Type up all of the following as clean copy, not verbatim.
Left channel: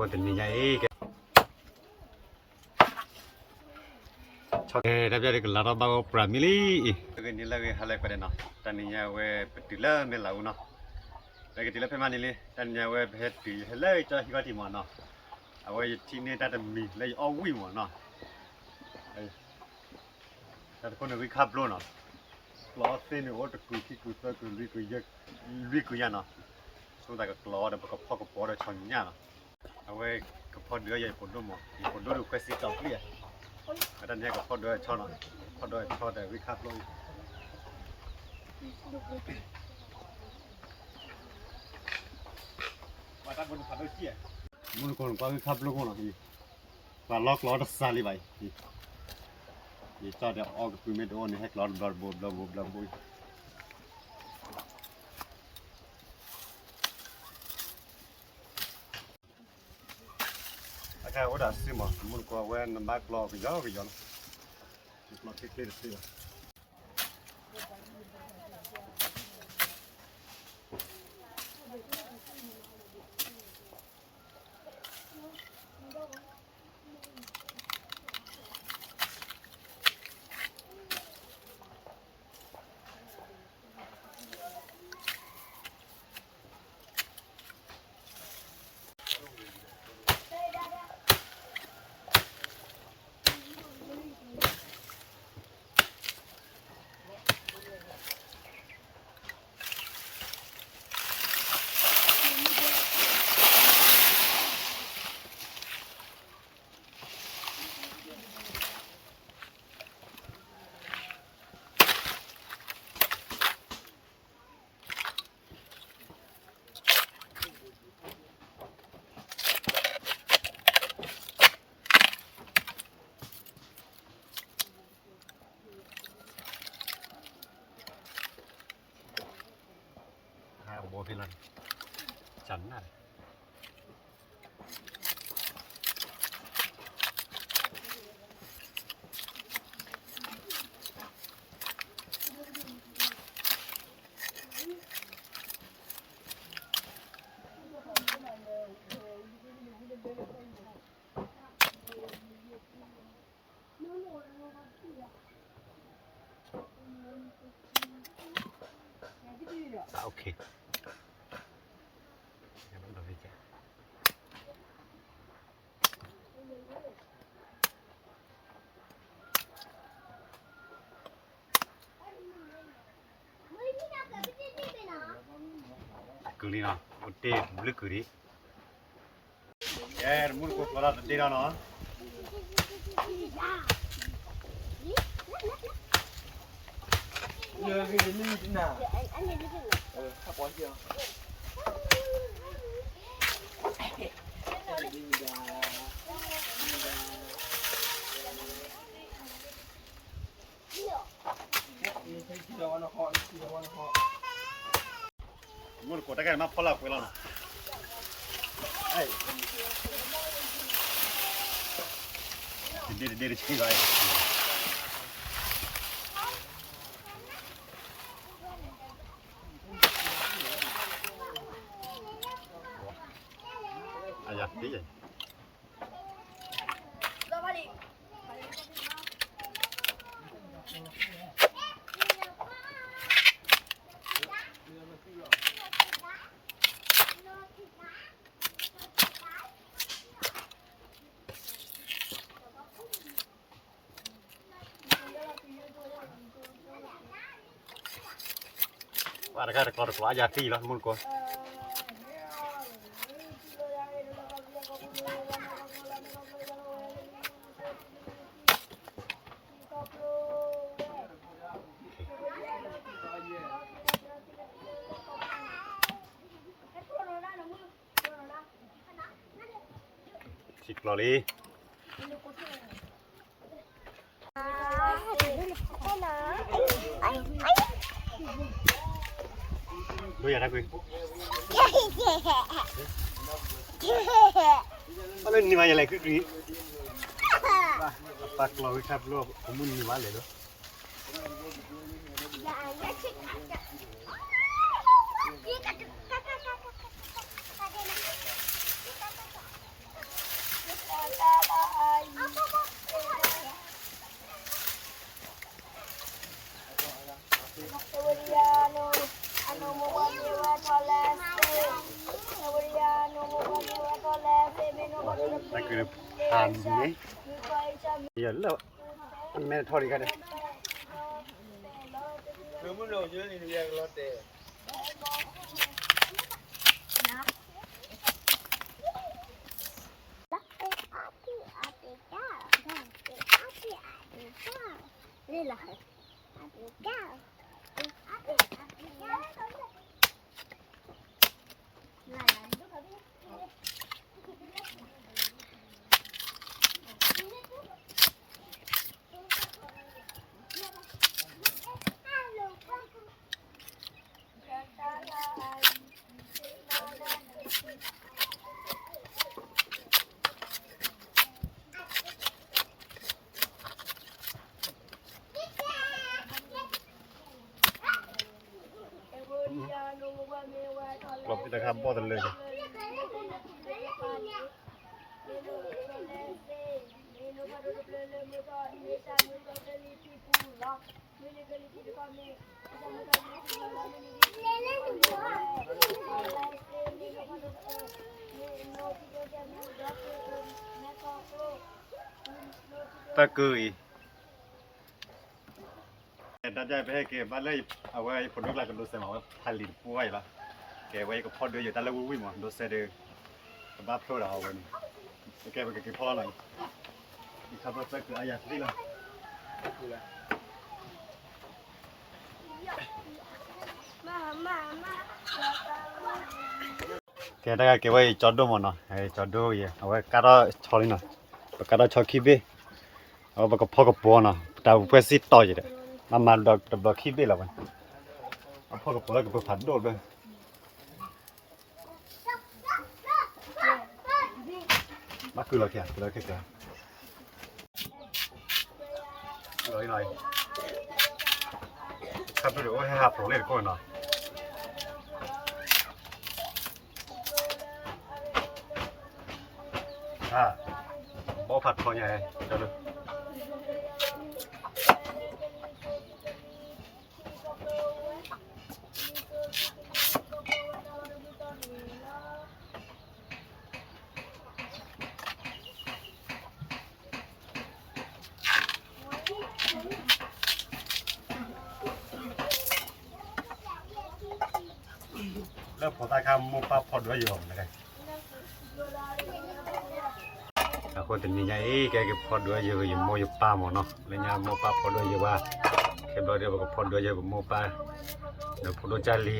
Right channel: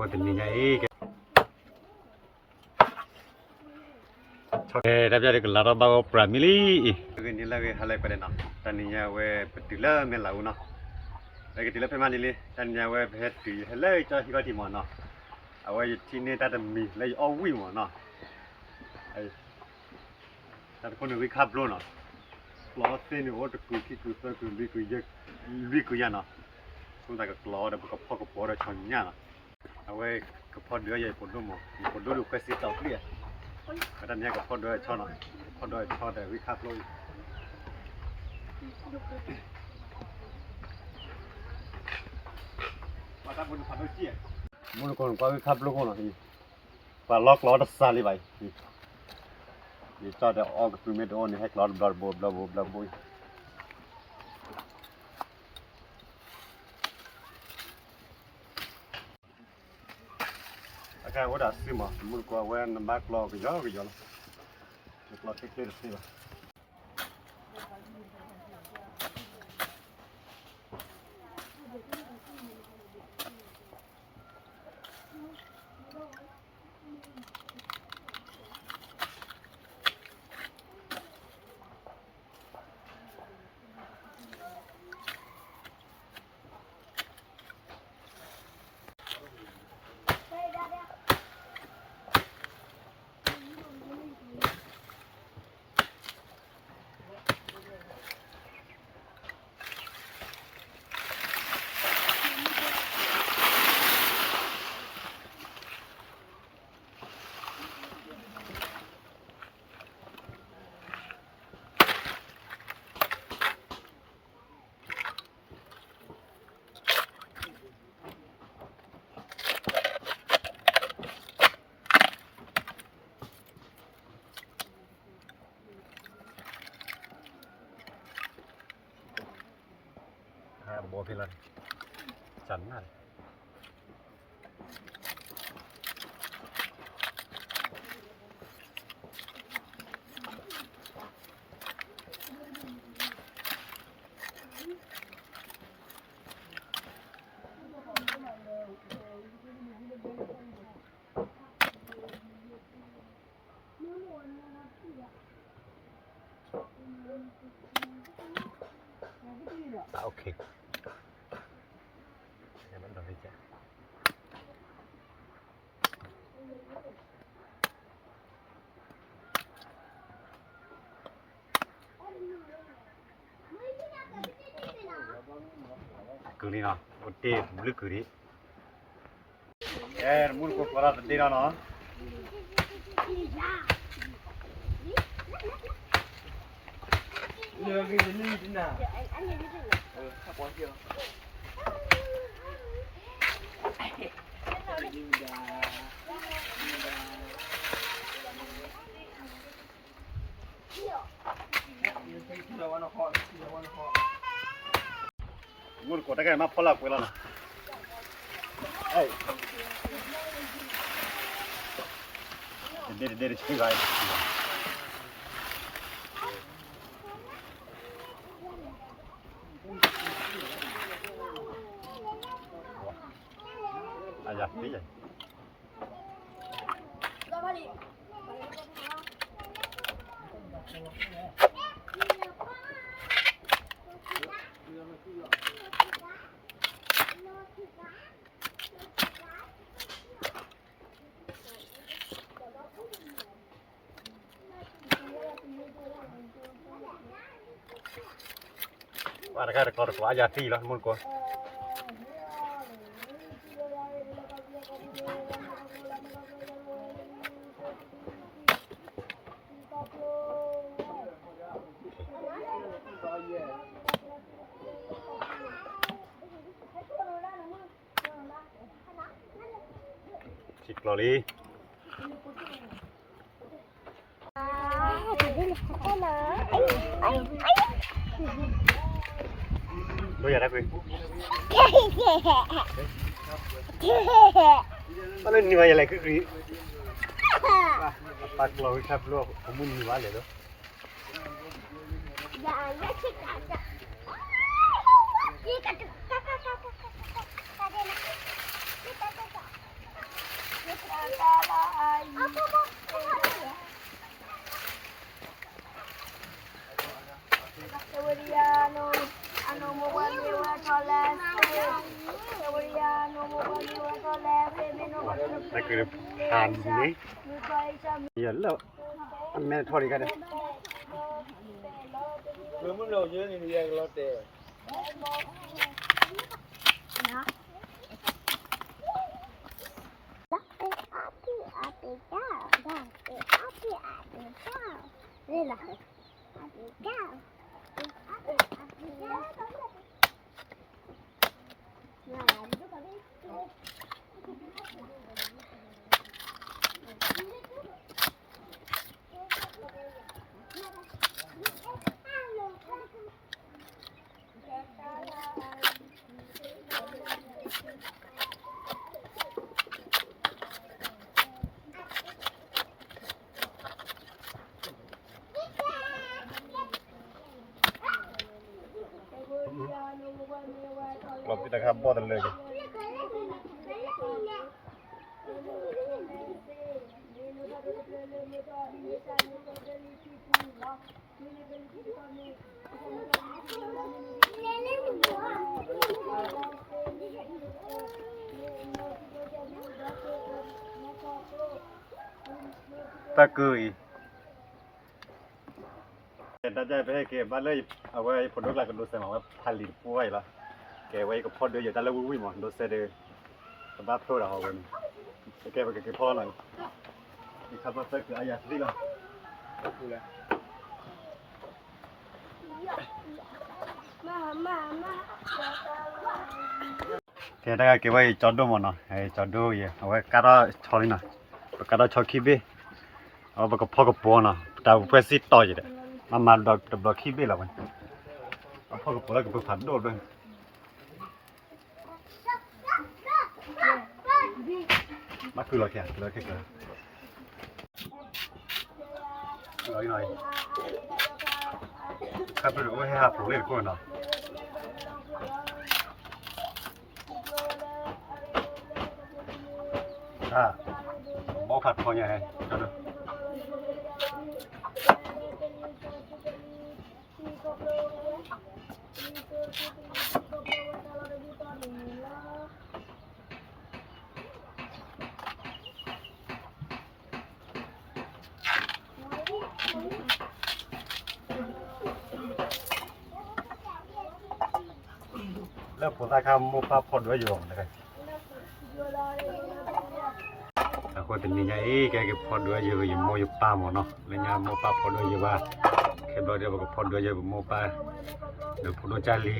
có tình như vậy okay đáp ra được là nó bao family cái này là cái halai pada na tani ya we petila melau na cái petila pemani le tani ya we het ti halai cho hi ti mo na awai ti ne ta mi lai au wi mo na ai ta ko ne wi khap lo na lo se ni o ta ku ki ku sa ku li ku ya na so ta ka lo da ka pho ka po da chang nya na awai ka pho de ya po do mo po do du kwesi ta pli ở đây nha, cái phốt đôi cho nó, phốt đôi cho để vi khát luôn. Mà ta muốn phạt đôi chia, muốn còn qua vi khát luôn không nào? Và lót lót xa đi vậy, thì cho để all cái mét on này hết lót bla bôi. Cái ở đó xí mà, muốn qua quen nằm bác lo cái gió nó, lo cái kia được xí mà. Bố phi lần chắn này ok em vẫn còn đi chạy cứ đi nào một tê một cứ đi em muốn có ra đi nào nó Lừa cái gì thế nào? Các con chưa? muốn có cái mà phô lạc quên rồi nè ấy để chơi gái à dạ tí vậy ada kan rekor ko aja ti lah mun ko Sik loli đôi giờ đã quên mà lên như vậy lại cái gì apa kalau kita belum kamu ni mana tu คือทานนี้เยอะแล้วมันแม่ทอดอีกกันเลย คือมึงเราเยอะนี่ยังรอดแต่ Đây làเราพิจารณาบ่อตันเลย ตะกุยดันใจไปให้เก็บบ้านเลยเอาไว้ผลดอกลายกันดูเสมอว่าผลิตป่วยละเก็บไว้ก็พอเดืออยู่แต่ละวุ้ยหมดดูเสด็จกับบ้าโปรดเอาไว้นี่เก็บไปเก็บพ่อหน่อยนี่ครับว่าจะคืออายาที่ละเดี๋ยวได้เก็บไว้จอดดูมันเนาะไอ้จอดดูเยอะเอาไว้การะชอลินะการะชอคีบีเอาไปกับพ่อกับปัวนะแต่เพื่อสิต่ออยู่เด้มาดอกคีบีละมันพ่อกับปัวแล้วก็ไปผัดโดดเลยมาคือเราแค่คือเราแค่กันหน่อยครับไปดูให้หาผมเล่นก่อนเนาะบ่ผัดพอใหญ่เลยก็ดูแล้วผมตาคำมูปลาพอดไว้อยู่นะครับคนเป็นยังไงแกก็พอดไว้อยู่อยู่โมอยู่ปลาหมดเนาะแล้วเนี่ยโมปลาพอดไว้อยู่ว่าแค่บอกเดียวก็พอดไว้อยู่โมปลาเดี๋ยวพอดจารี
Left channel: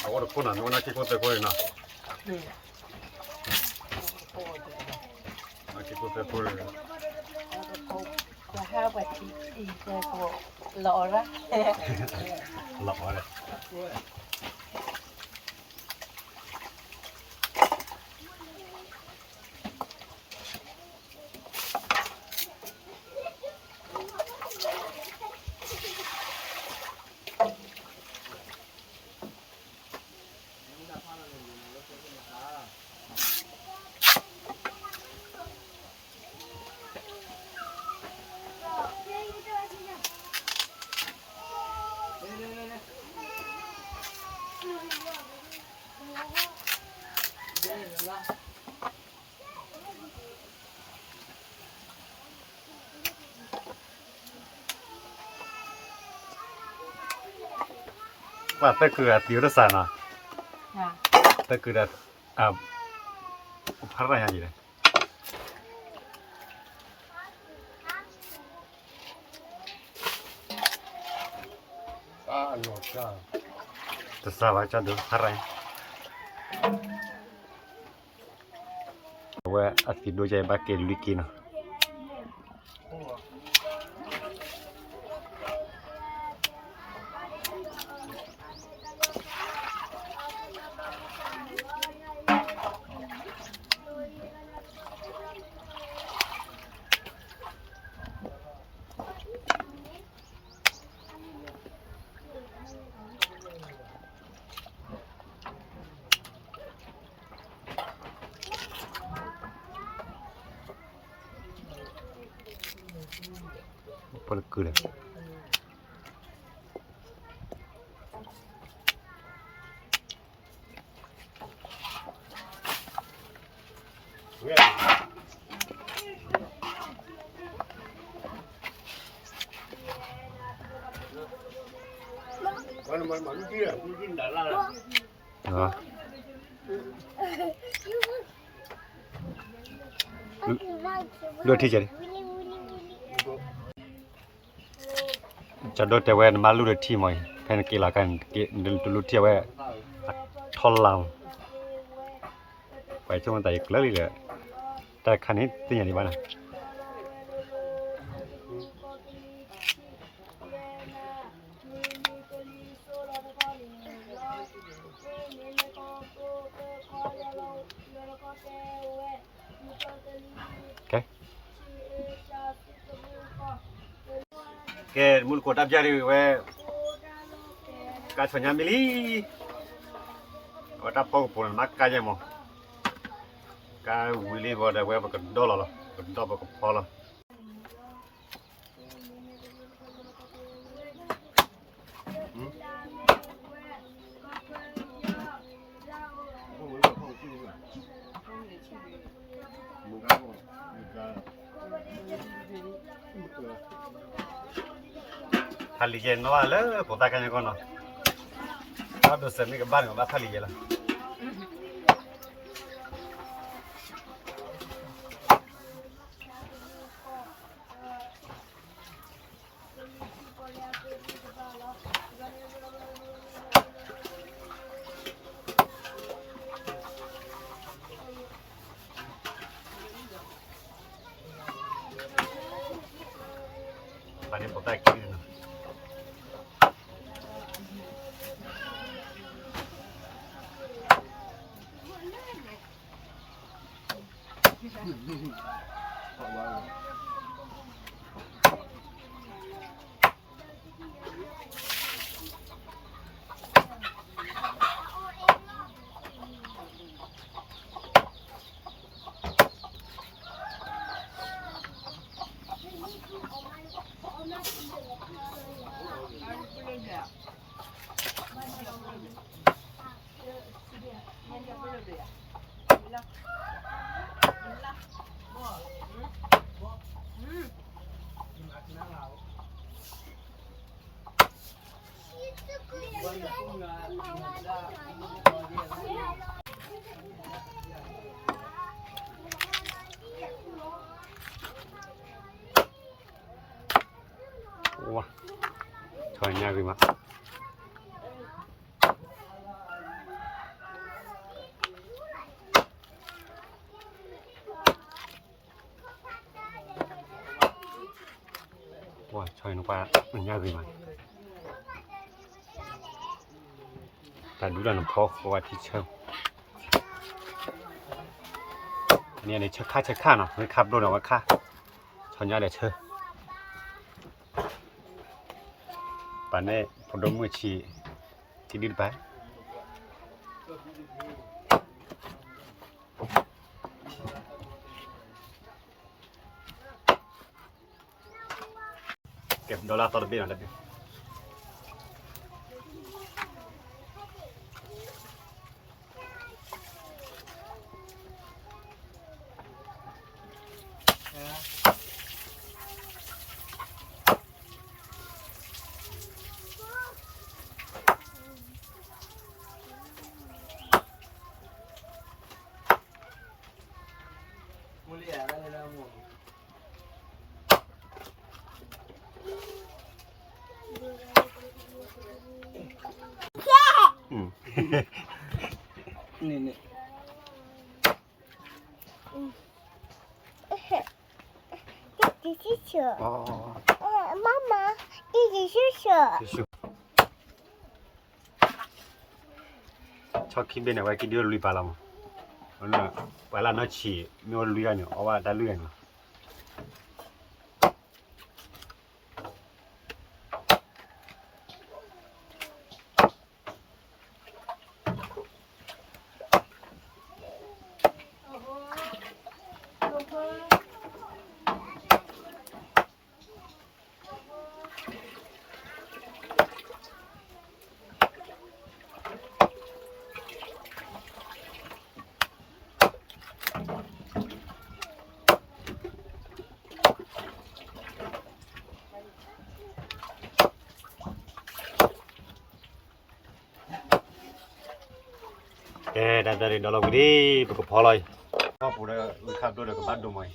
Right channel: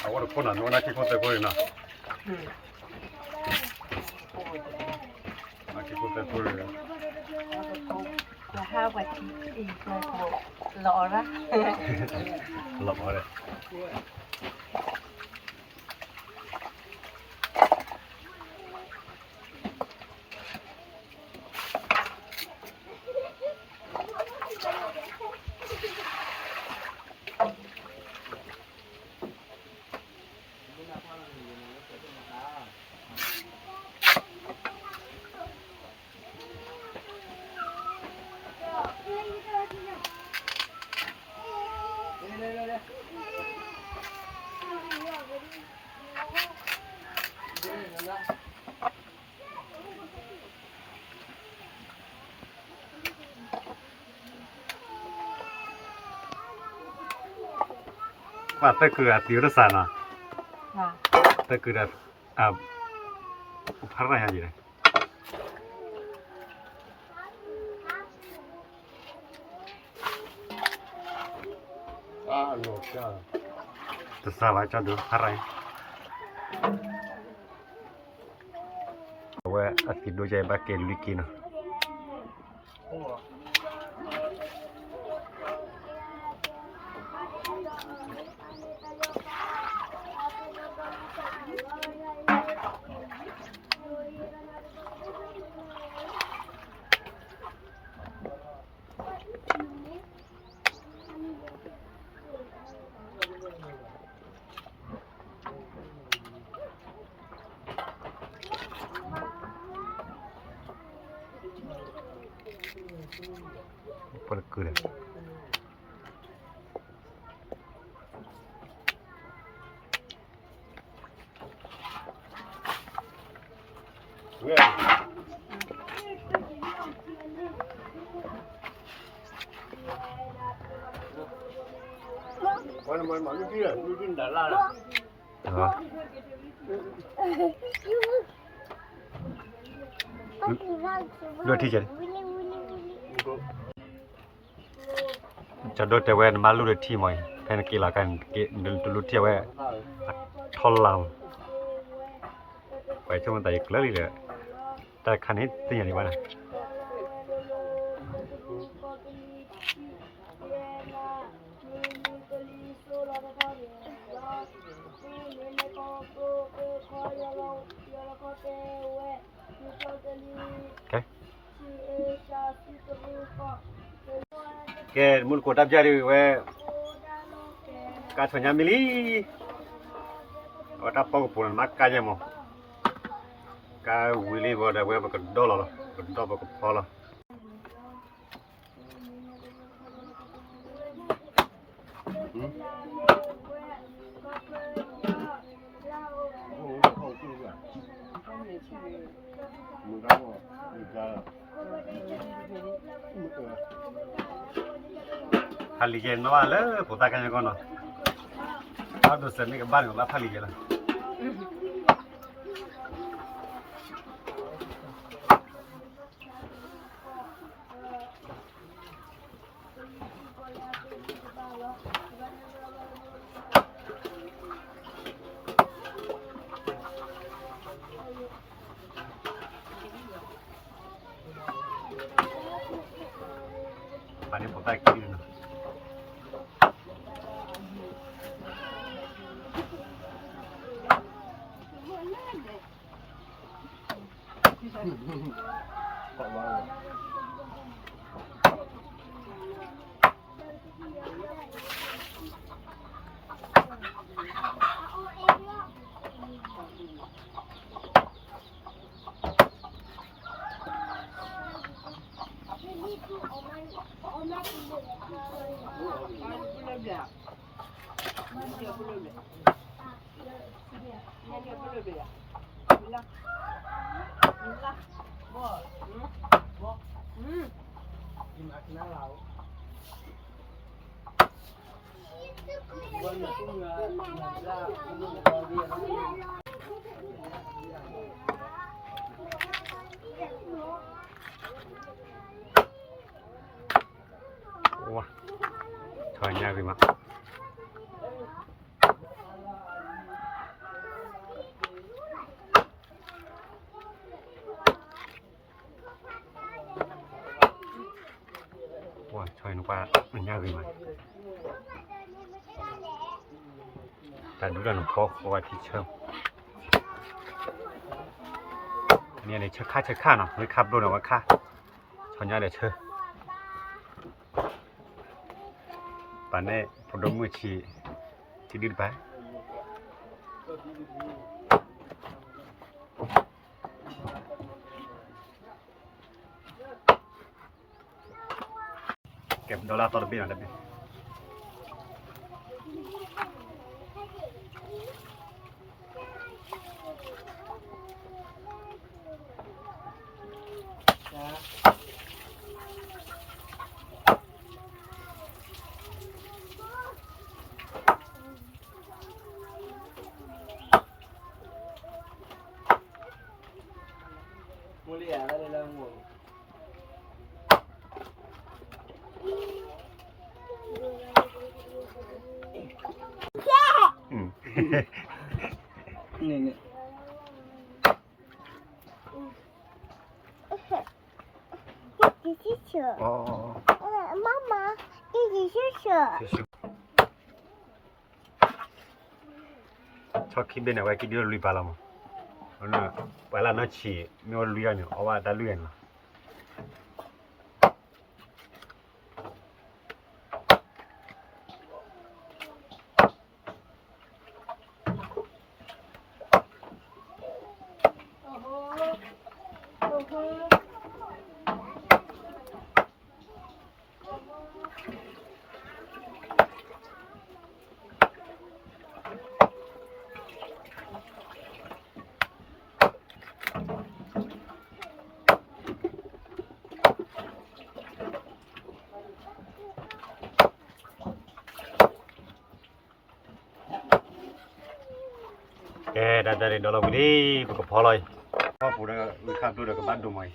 เอาว่าคนนั้นวันนั้นที่คนไปคนนึงเนาะที่คนไปคนนึง là hai quả thì là lọ ra หลอกเลยว่าแต่คือติวรสานะ à แต่คือพักอะไรอย่างนี้เลยโนชาแต่สาระจะดูพักอะไรว่าอาทิตย์ดูใจบ้าเกลลิกิน ก็คือเลยเลือดที่จะจะโดนแต่เว้นมาลูกที่มั้ยแค่นักกีฬากันเกดูลูกที่เว้ทอลลาวไปช่วงแต่อีกแล้วเลยแต่คันนี้ตีอย่างนี้บ้างนะแกมุลโคตับจารีเวกาสัญญามิลีว่าถ้าพอปุ่นมักกาเจมอกาวิลีบอดเวบก็ดอลลาร์ก็ดอบก็พอละทาลีเจนมาเลยพอตากันยังก่อนเนาะถ้าดูเสร็จนี่ก็บ้านของบ้านทาลีเจนละตอนนี้พอตากินนะว้าถอยง่ายไปมั้ยว้าถอยลงไปง่ายไปมั้ยแต่ดูด้านขอว่าที่เชิงเนี่ยนี่เช็คค่าเนาะไม่ขับดูหน่อยว่าค่าถอยง่ายเลยเชิงป่านนี้พอดมือชีที่ดีไปเก็บดอลลาร์ต่อเดือนอะไรนี่ 这是球。 อ๋อ 妈妈，这是球。 ชอบคิดเป็นอะไรคิดเดียวลุยไปแล้วมั้งนั่นน่ะไปแล้วน่าฉี่ไม่ว่าลุยกันอยู่เอาว่าได้ลุยกัน kè đã ra đến đó là cái đi bực phò rồi phò phụ đó khắp đôi được cái bát đồ mày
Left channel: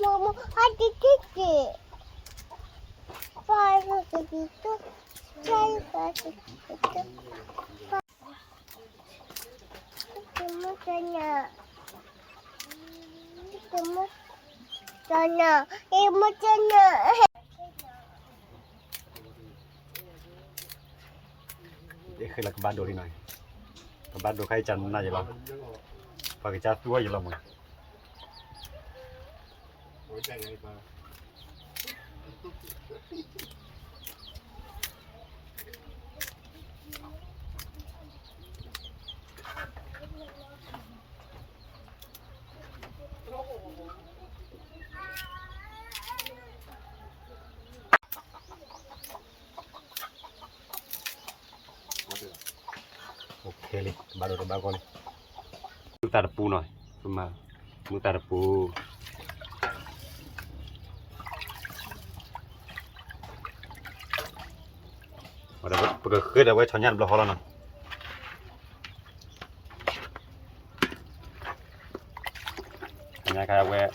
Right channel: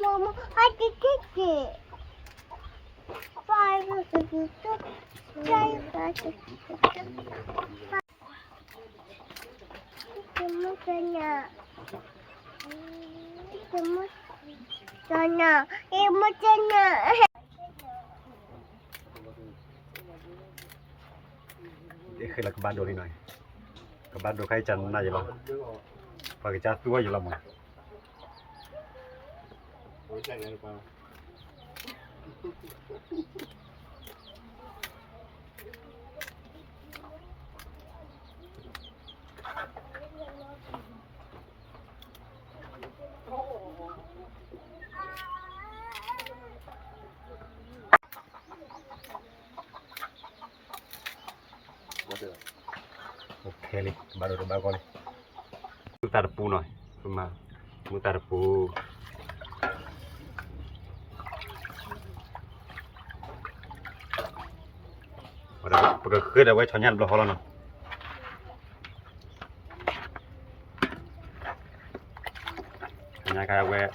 Mama, hadi gidi. Fazla sıkıntı. Çay fazla sıkıntı. Yumurtanya. Yumurtanya. Yumurtanya. để khi là cái bát đồ đi này cái bát đồ khai chăn này vậy là và cái chát tua vậy là mà ok đi bát đồ được bao con đi chúng ta được pu rồi mà chúng ta được pu bây giờ khơi đã quay cho nhăn bao lâu rồi nhà cái quay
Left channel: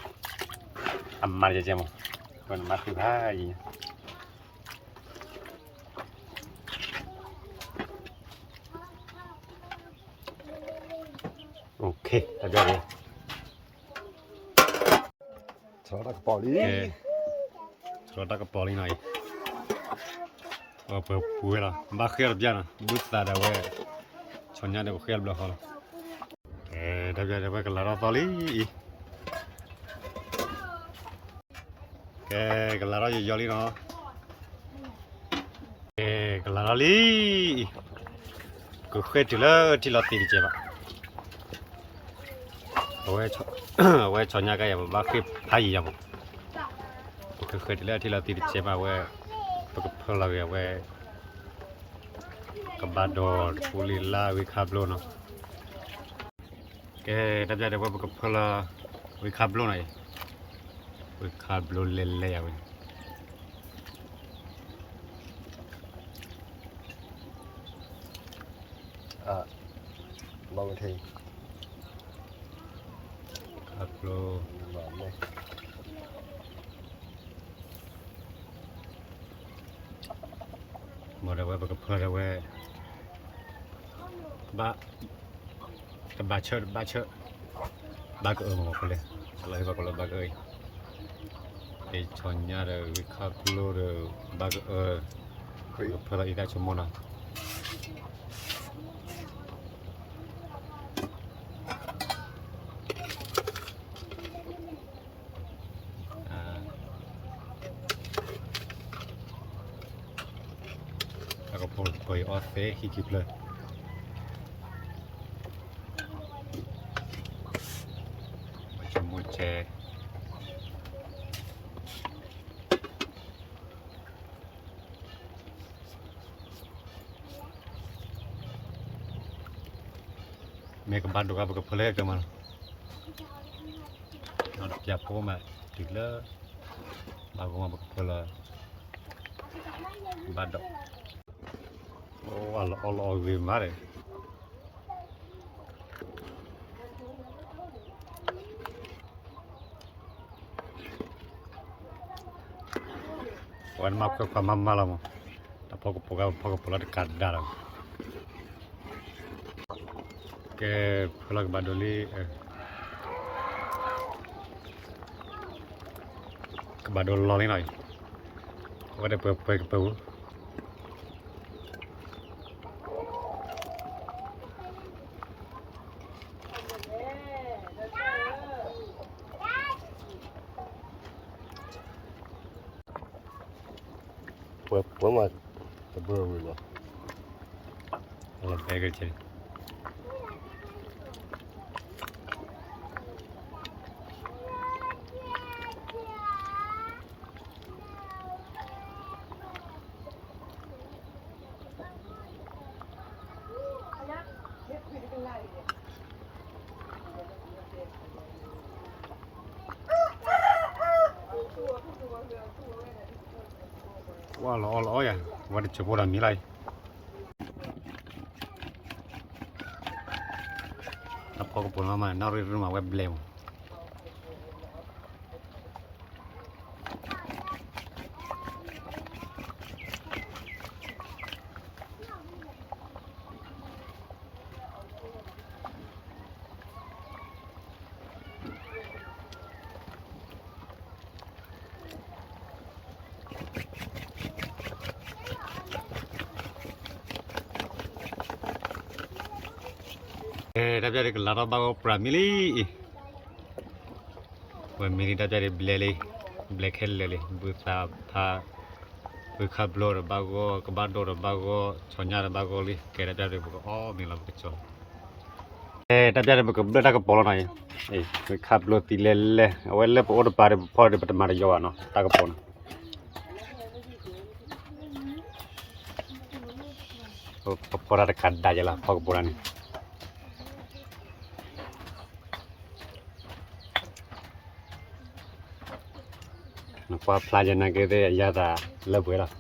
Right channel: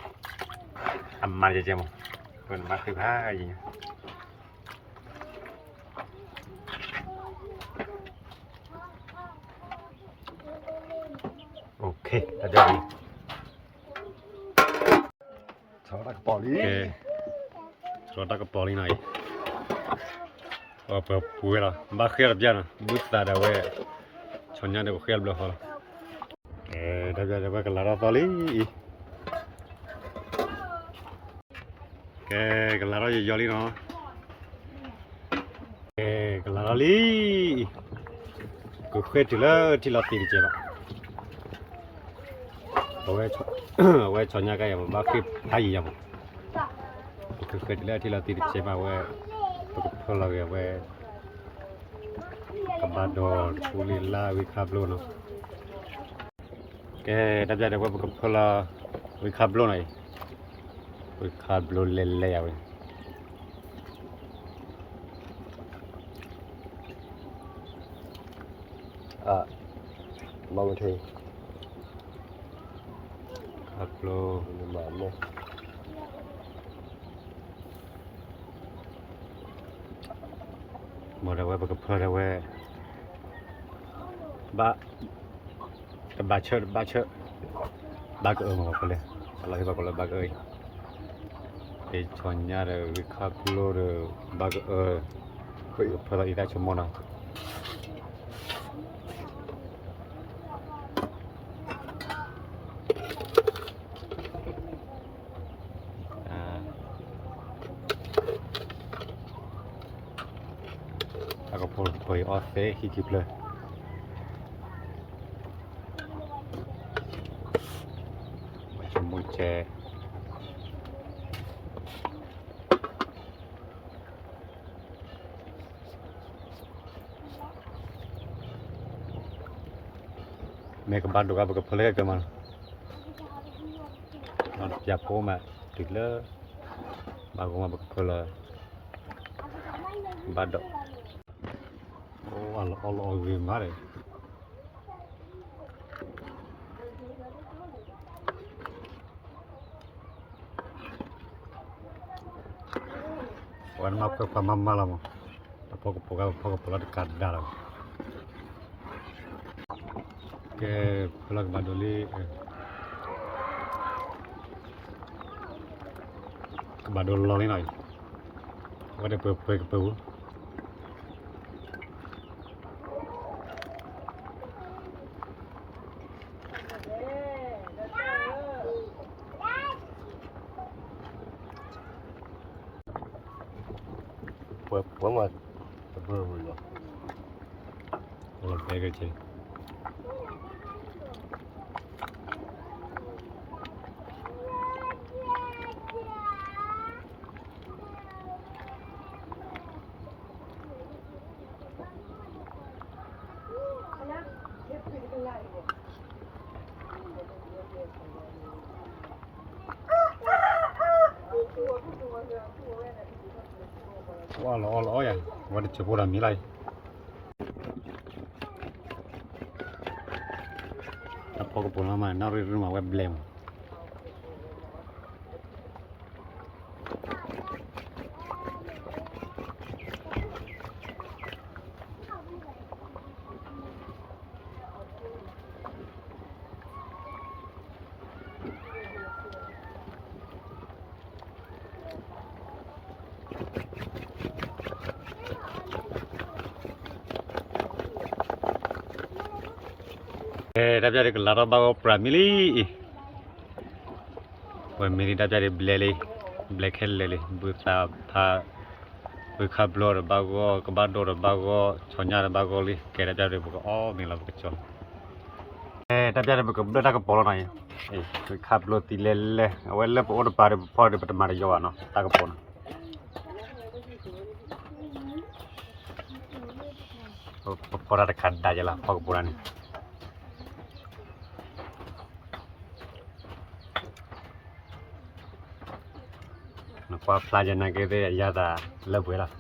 ăn mặn gì chứ mà còn mặn thứ hai gì ok ta đi Cháu là bỏ đi. ok rồi ta có bỏ đi này bữa bữa là ba khía là bien bút ta đã quay cho nhăn được khía bao lâu ok đã bây giờ quay cái lá đó to lý cái lá đó gì lý nó cái lá đó lý cứ khơi chỉ là tiền chứ bạn 왜 저냐가 막 다이야 뭐 그래서 thì là tiền chế mà phải là 왜 kabado pulila we kablo nó cái đáp ra phải là we kablo này we kablo lele ya we Mong thì kablo mỏm này. mà đâu phải là we ba cái ba chợ ba cái mà có lẽ là cái ba cái ơi để cho nhà rồi we kablo rồi ba cái phải là ít cho món nào aku pergi off hikip le. Macam muncul. Mereka bantu apa kepala ke mana? Nak siap koma, tidak. Bagus apa kepala. Bantu. Oh, Allah gimana? Wan mak ke pamam malam. Pokok pola dekat dalam. Ke pola badoli ke badol loli noi. Ada pe Bữa mà bữa rồi. Allah pegar je. Wah, lo ya, wadah coba dah milai. ถ้าพอกับปุ่นมาน่าเรื่องมาเว็บเบลมดับใจเด็กลาราบางปรามิลีวันมินิดับใจเด็กเบลลี่เบลคเฮลเลยบุตรท่าบุคบลอร์บางก็บาดอร์บางก็ชนยาร์บางก็ลิแกดับใจเด็กบุกอ๋อมีลาบุกชนดับใจเด็กบุกเดินทางกับปอลหน่อยบุคบลอร์ตีเล่เล่เอาไว้เล่ปอร์ปาร์ปอร์เดบัตมาริยาวนะทางกับปอลปอร์อะไรขัดได้ยังล่ะพอกับปอลนี่กว่าพลาจะนักเตะยาตาเลิกไปแล้ว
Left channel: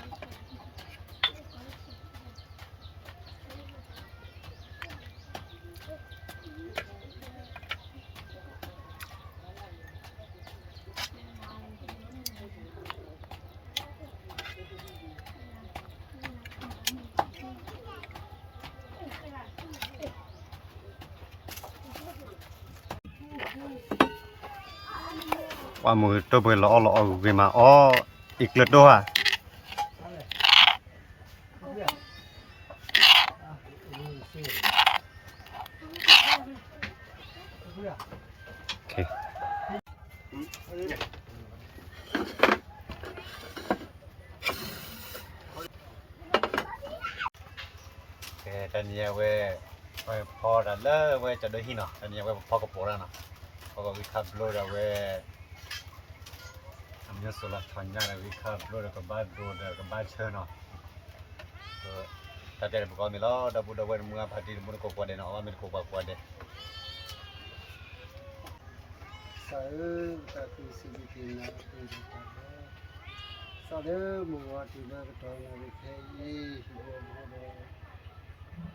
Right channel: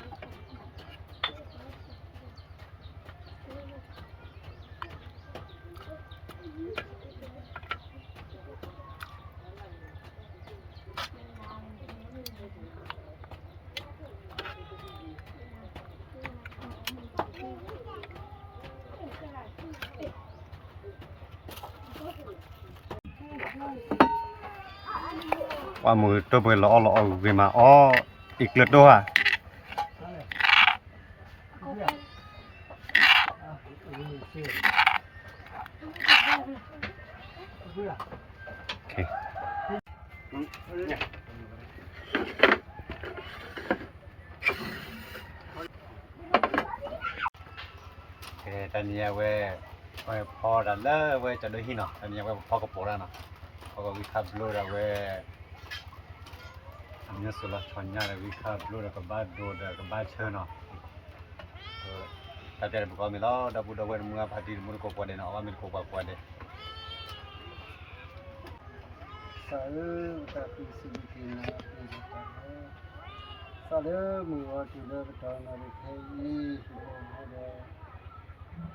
ว่ามือตัวมือล้อเวมาอ๋ออีกเลือดด้วยโอเคตอนนี้เว้ยพอแล้วเว้ยจะได้ที่เนาะตอนนี้เว้ยพอกระโปรงแล้วเนาะพอวิคับโลดเว้ยอันนี้สุดละชนยาเลยวิคับโลดกับบ้านโดดกับบ้านเชิญเนาะถ้าจะบุกมีแล้วดับเว้ยมึงพอดีมึงก็กวาดเนาะว่ามึงก็กวาดสาวตาคือสิ่งที่น่าเป็นตาสาวมือว่าที่เลิกตอนนั้นแค่ยี่สิบวัน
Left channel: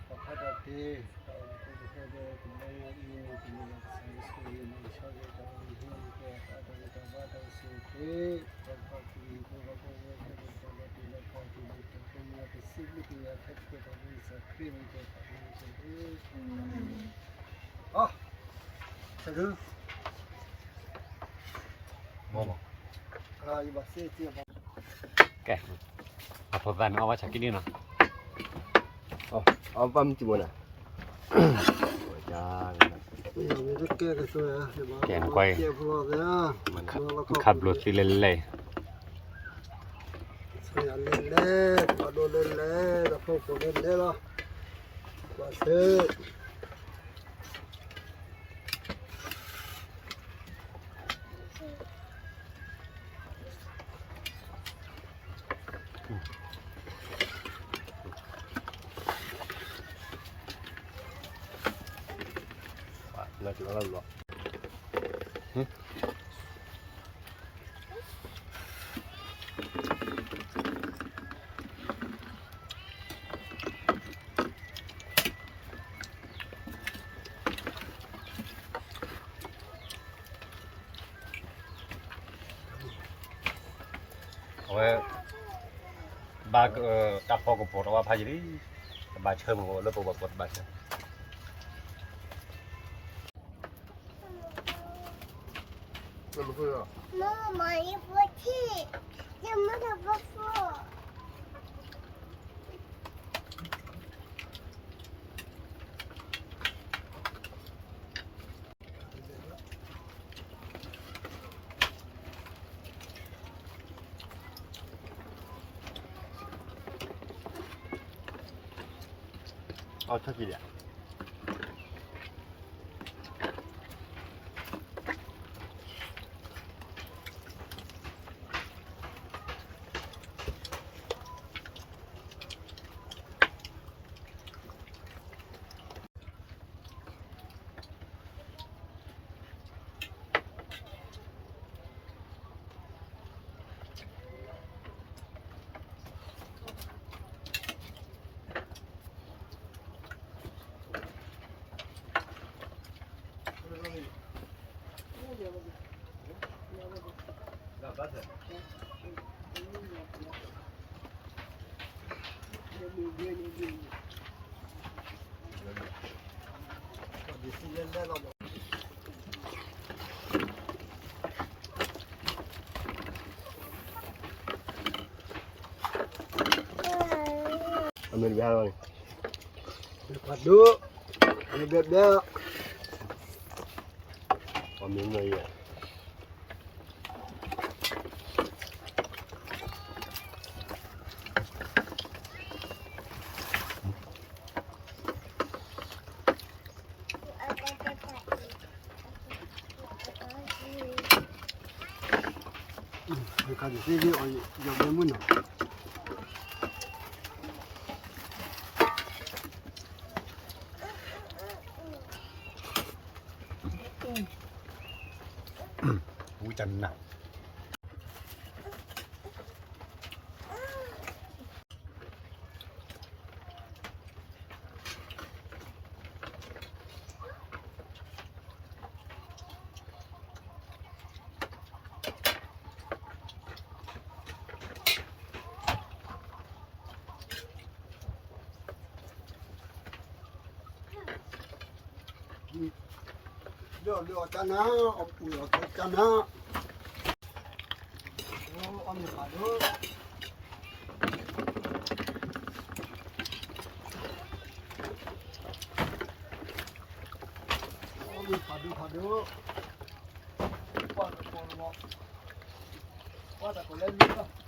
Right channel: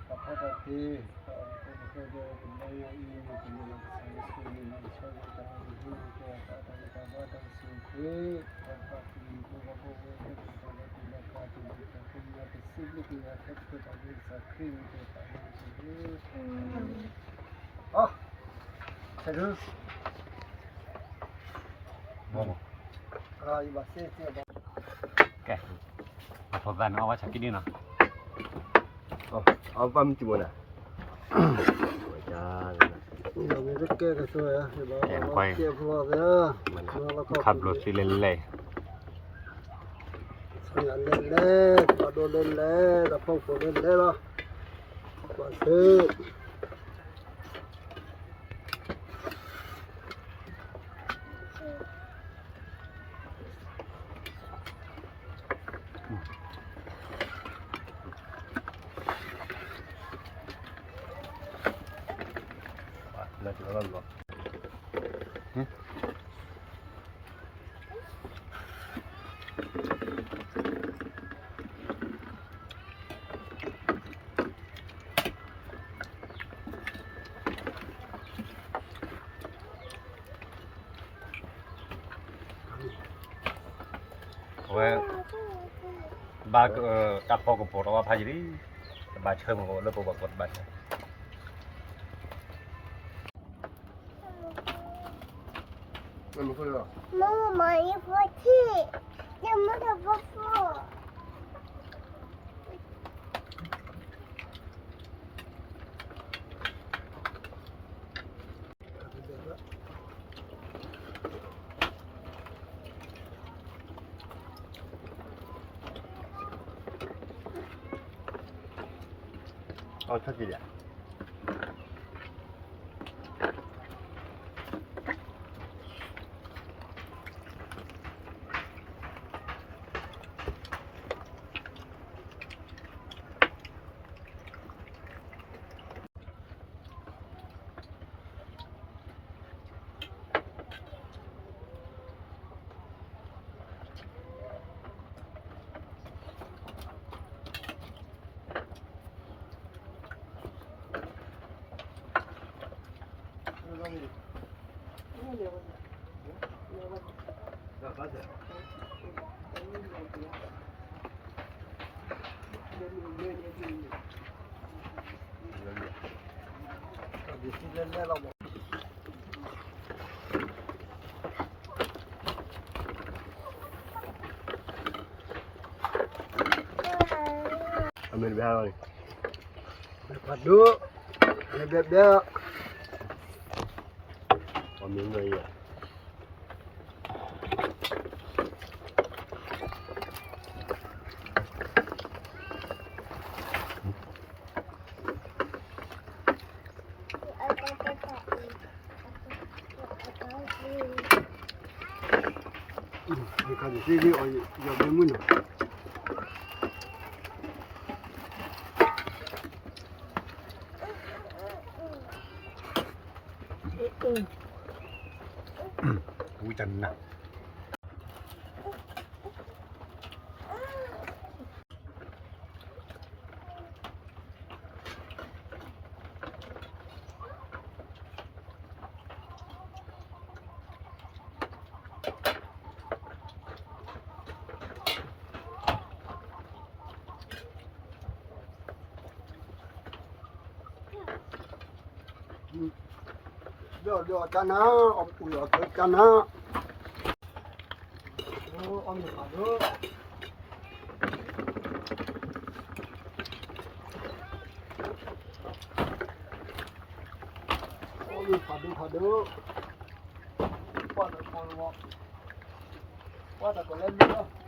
พอพอดตีตอนก็ไม่เคยได้ทำอะไรอีนี่ก็ไม่ได้สายสุรินทร์ชอบตอนนี้ก็ตาตาบ้าตาสุขีพอพอที่พวกเราพวกเราเป็นตอนที่เราขาดที่เราจะคุมมาเป็นสิ่งที่อยากให้ก็ได้สักครึ่งเดียวกันนะอ๋อใช่หรืออีบาเซ่ที่บ้าแกทดลองเอาว่าชักกินนี่เนาะเอาปั๊มจิ๋วน่ะจ้าเราไม่ได้แก้กันสวยอ่ะเห็นไหมเก็บพอแล้วขับรถสิเล่นเลยสวยเล่นเล่นปลาโดนเล่นเล่นแล้วพวกเล่นเล่นละบาเซ่เลิกแล้วหรอเว้ยบาก็ตับพอกระโปรงว่าพายดีบาเชื่อมก็เลิกปวดบาเชื่อ怎么会啊？妈妈买一盒气，怎么都不付？哦，超级点。ဒီစီလဲလဲတော့ပေါ့ အမေဘယ်လိုလဲ ဘာလို့လည်းပြပြ အမေမရ ဒီကနေ့စီကြီးအောင်ရောက်နေမှုနော် ဘူးจันนะလောကနာအပူလောကနာโอ้อมဘာလို့ဘာလို့ဘာလို့ဘာတော့လဲနော်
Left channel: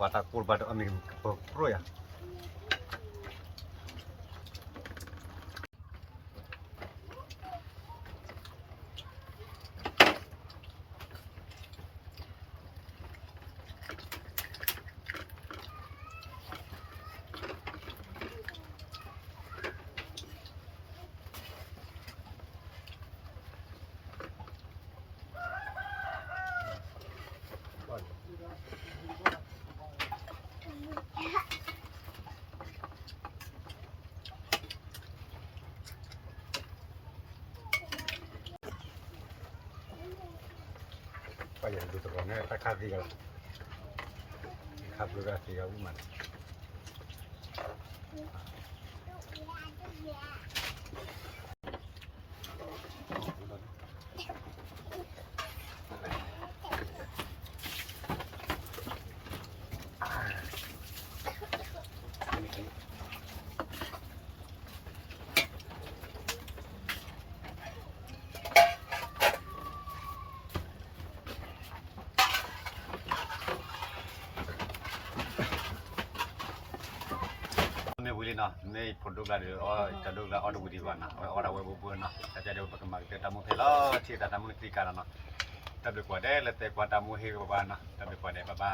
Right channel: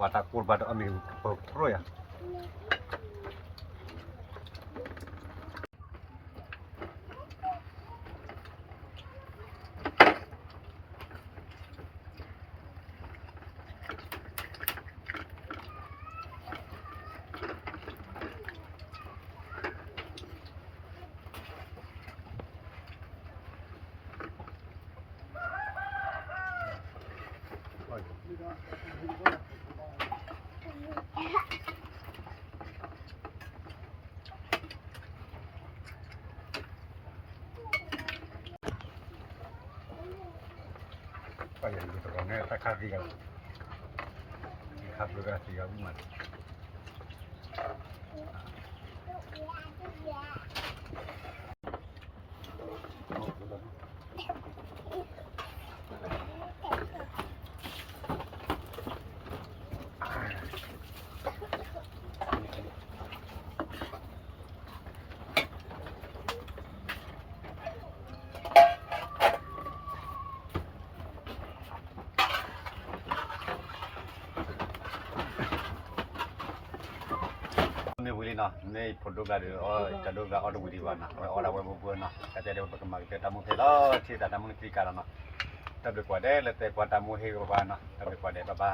วาตากูบาดอเมริกาโปรย ไปอย่างดูตรงนี้ถ้าคาดีกันครับดูกันดีกันมัน ไม่วิลีนะไม่ผลดูกันเลยอ๋อจะดูกันอ๋อดูดีกว่านะอ๋อเราไว้บัวนะแต่จะเดี๋ยวประกันมาเกิดตามุเทล่อที่ตามุนคลิการนะแต่เดี๋ยวกว่าได้แล้วแต่กว่าตามุเฮกับบ้านนะแต่เดี๋ยวกว่าได้บ้า